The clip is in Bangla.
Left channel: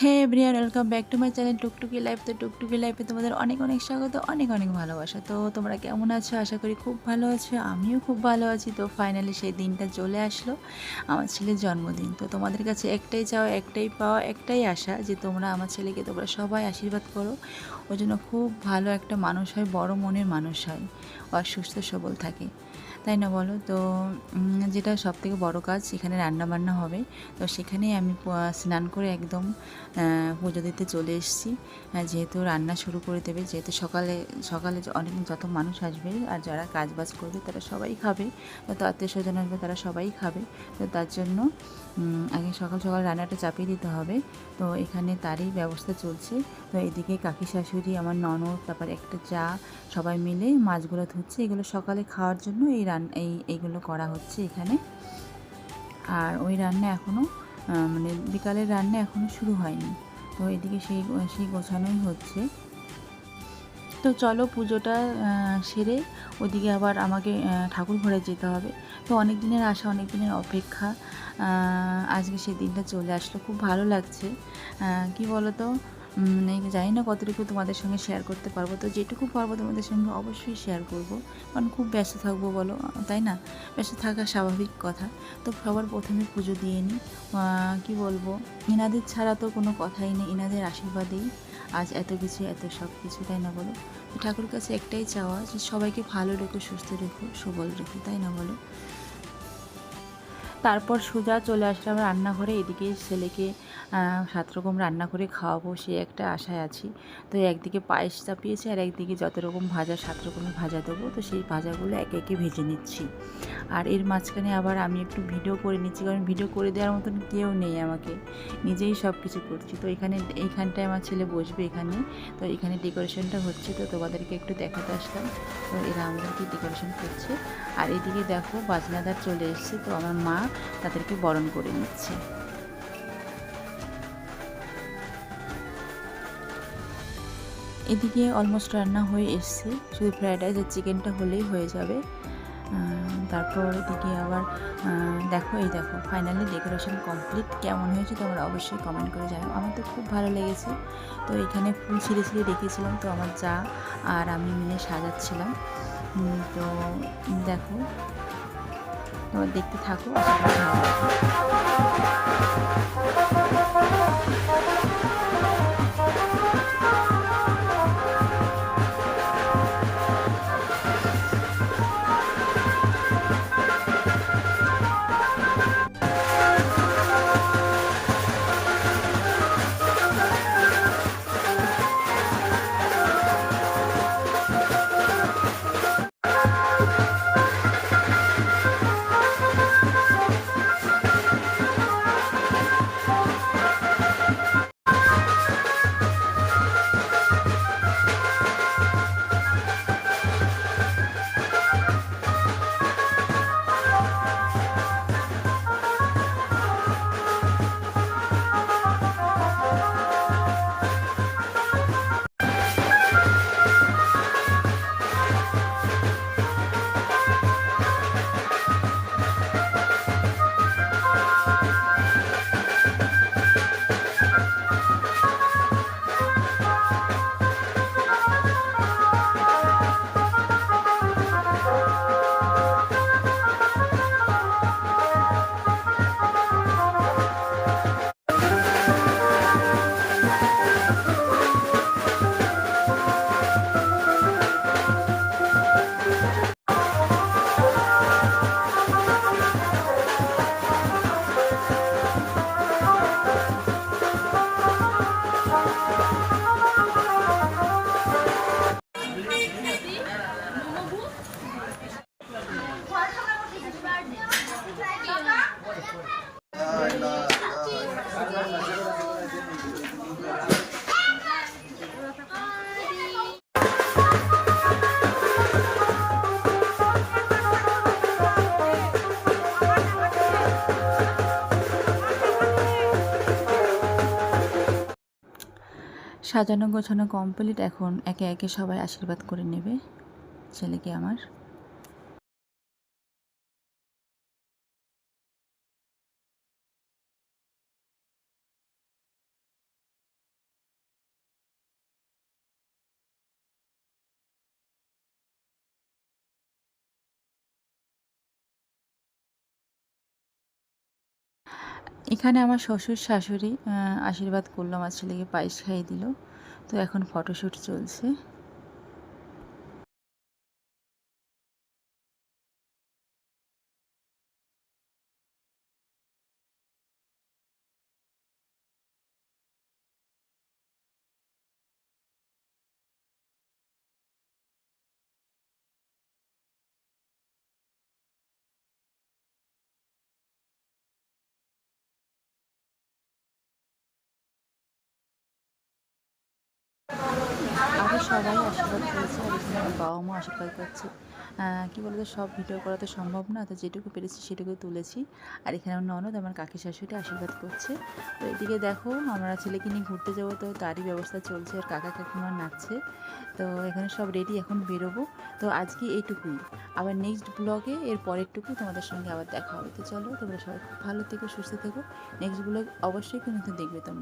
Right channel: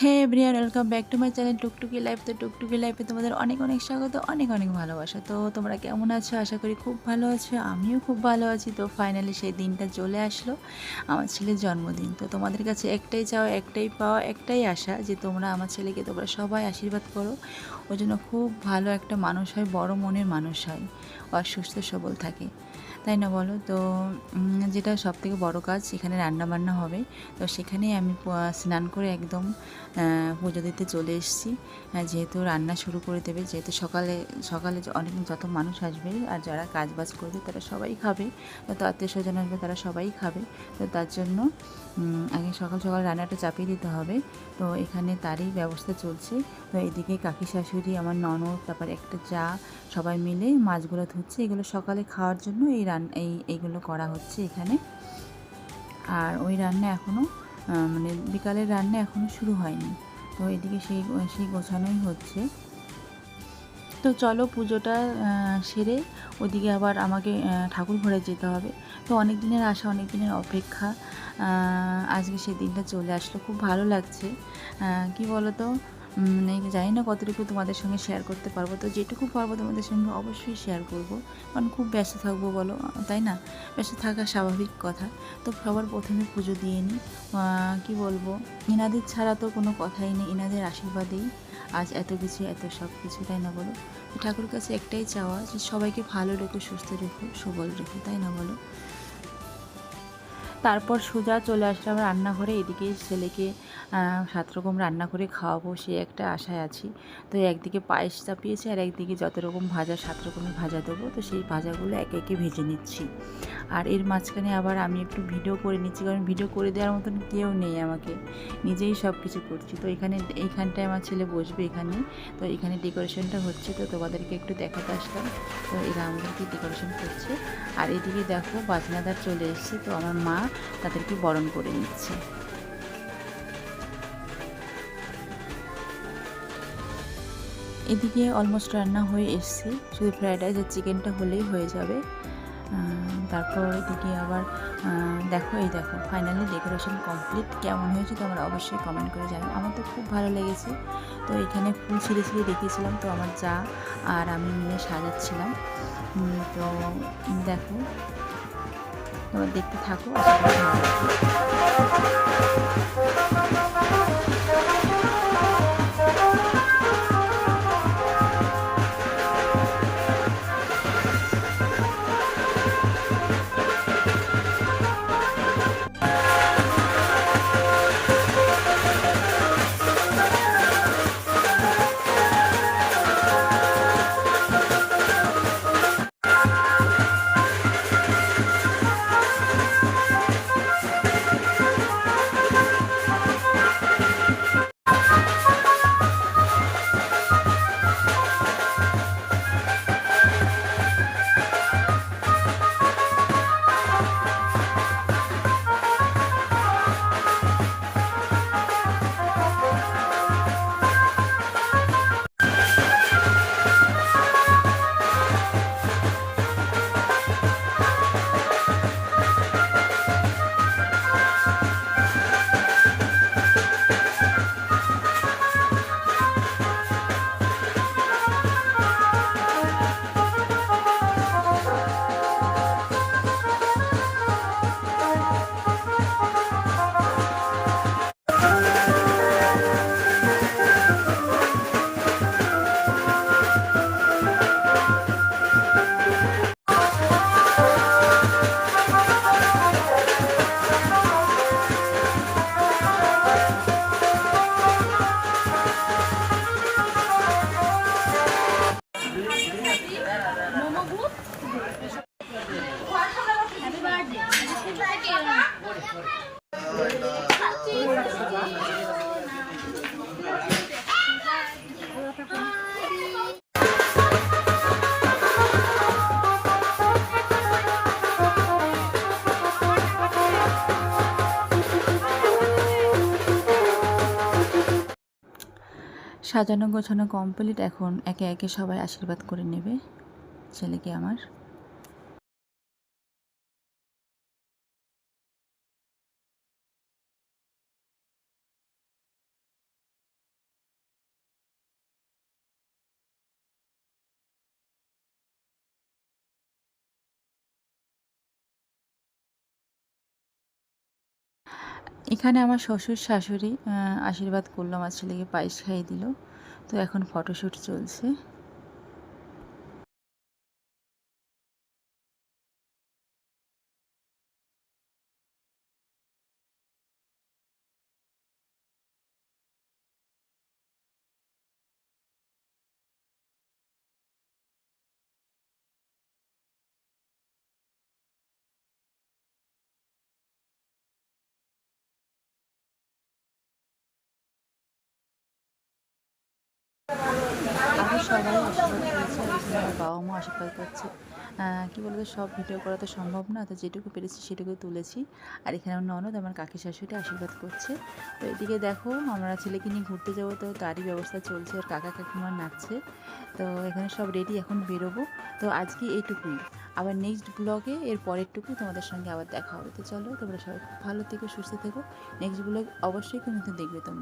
Hey everyone welcome back to my channel Tuktuki life তো টুকটুকি লাইফে তোমাদের অনেক অনেক স্বাগত, অনেক অনেক ভালোবাসা। তো তোমরা কেমন আছো? আশা করি খুব ভালো আছো, আমিও খুব ভালো আছি। তো ফাইনালি সেই দিনটা চলে আসলো, আমার ছেলের জন্মদিন। তো তোমাদের কাছে একটাই চাওয়া, একটাই পাওয়া, একটাই আশা যে তোমরা আমার ছেলেকে তোমরা সবাই আশীর্বাদ করো। ওই জন্য খুব ভালো একটা মানুষ হয়, বড় মনের মানুষ হয় আর সুস্থ সবল থাকে। তাই না বলো? তো যেটা সব থেকে বড়ো কাজ, সেখানে রান্না বান্না হবে। তো সেখানেই আমি স্নান করে একদম পুজো দিতে চলে এসেছি। যেহেতু রান্না শুরু করে দেবে, যেহেতু সকালে সকালে অনেক যত মানুষ আসবে আর যারা কাজ বাজ করবে তারা সবাই খাবে। যত আত্মীয় স্বজন আসবে তারা সবাই খাবে। তো তার জন্য আগে সকাল সকাল রান্নাটা চাপিয়ে দিতে হবে। তো এখানে তারই ব্যবস্থা চলছে। তো এদিকে কাকি শাশুড়ি, আমার ননদ, তারপর একটা চা, সবাই মিলে মাছগুলো ধুচ্ছে। এগুলো সকালে খাওয়ার জন্য এই রান, এই, এইগুলো করা হচ্ছে এখানে। আর ওই রান্না এখনও মানে বিকালের রান্না এখনও শুরু হয়নি। তো এদিকে সেই সেই গোছানোই হচ্ছে। তো চলো পুজোটা সেরে ওদিকে আবার আমাকে ঠাকুর ঘরে যেতে হবে। তো অনেক দিনের আশা, অনেক দিনের অপেক্ষা আজকে সেই দিনটা চলে আসলো। খুব ভালো লাগছে। কি বলো তো মানে জানি না কতটুকু তোমাদের সঙ্গে শেয়ার করতে পারব। তো যেটুকু পারব তোমাদের সঙ্গে অবশ্যই শেয়ার করব। কারণ খুব ব্যস্ত থাকব বলো, তাই না? ব্যস্ত থাকা স্বাভাবিক কথা। তো সবার প্রথমে পুজো দিয়ে নিই কী বলব? ইনাদের ছাড়া তো কোনো কথাই নেই, ইনাদের আশীর্বাদেই। আজ এত কিছু, এত সব কিছু, তাই না বলো? ঠাকুর কাছে একটাই চাওয়া যে সবাইকে ভালো রেখো, সুস্থ রেখো, সবল রেখো, তাই না বলো? তারপর সোজা চলে আসলাম রান্নাঘরে। এদিকে ছেলেকে সাত রকম রান্না করে খাওয়াবো সে একটা আশায় আছি। তো একদিকে পায়েস চাপিয়েছি আর একদিকে যত রকম ভাজা, সাত রকমের ভাজা দেবো। তো সেই ভাজাগুলো একে একে ভেজে নিচ্ছি। আর এর মাঝখানে আবার আমি একটু ভিডিও করে নিচ্ছি, কারণ ভিডিও করে দেওয়ার মতন কেউ নেই আমাকে। নিজেই সব কিছু করছি। তো এখানে, এইখানটায় আমার ছেলে বসবে এখানে। তো এখানে ডেকোরেশনটা হচ্ছে, তো তোমাদেরকে একটু দেখাতে আসলাম। তো এরা আমাদেরকে ডেকোরেশন করছে। আর এদিকে দেখো বাজনাদার চলে এসেছে। তো আমার মা তাদেরকে বরণ করে নিচ্ছে। এদিকে অলমোস্ট রান্না হয়ে এসছে। শুধু ফ্রাইড রাইস আর চিকেনটা হলেই হয়ে যাবে। তারপর এদিকে আবার দেখো, এই দেখো ফাইনালি ডেকোরেশন কমপ্লিট কেমন হয়েছে তোমরা অবশ্যই কমেন্ট করে জানাও। আমার তো খুব ভালো লেগেছে। তো এখানে ফুল ছিঁড়ে ছিঁড়ে রেখেছিলাম তো আমার যা আর আমি মিলে সাজাচ্ছিলাম। তো দেখো তোমরা দেখতে থাকো আশা করি ভালো লাগবে। সাজানো গোছানো কমপ্লিট এখন একে একে সবাই আশীর্বাদ করে নেবে ছেলেকে আমার। এখানে আমার শ্বশুর শাশুড়ি আশীর্বাদ করল, আমার ছেলেকে পায়েস খাইয়ে দিল। তো এখন ফটোশ্যুট চলছে। আরও সবাই আশীর্বাদ করেছে আর এখানে আমার বাবা মা আশীর্বাদ করছে কি বলতো, সব ভিডিও করা তো সম্ভব না, তো যেটুকু পেরেছি সেটুকু তুলেছি। আর এখানে আমার ননদ, আমার কাকি শাশুড়ি আশীর্বাদ করছে। তো এদিকে দেখো, আমরা ছেলেকে নিয়ে ঘুরতে যাব, তো তারই ব্যবস্থা চলছে আর কাকা কাকিমা নাচছে। তো এখানে সব রেডি এখন বেরোবো। তো আজকে এইটুকুই। আবার নেক্সট ব্লগে এর পরেরটুকু তোমাদের সঙ্গে আবার দেখা হবে। তো চলো, তোমরা সবাই খুব ভালো থেকো, সুস্থ থেকো। নেক্সট ব্লগ অবশ্যই কিন্তু দেখবে তোমরা।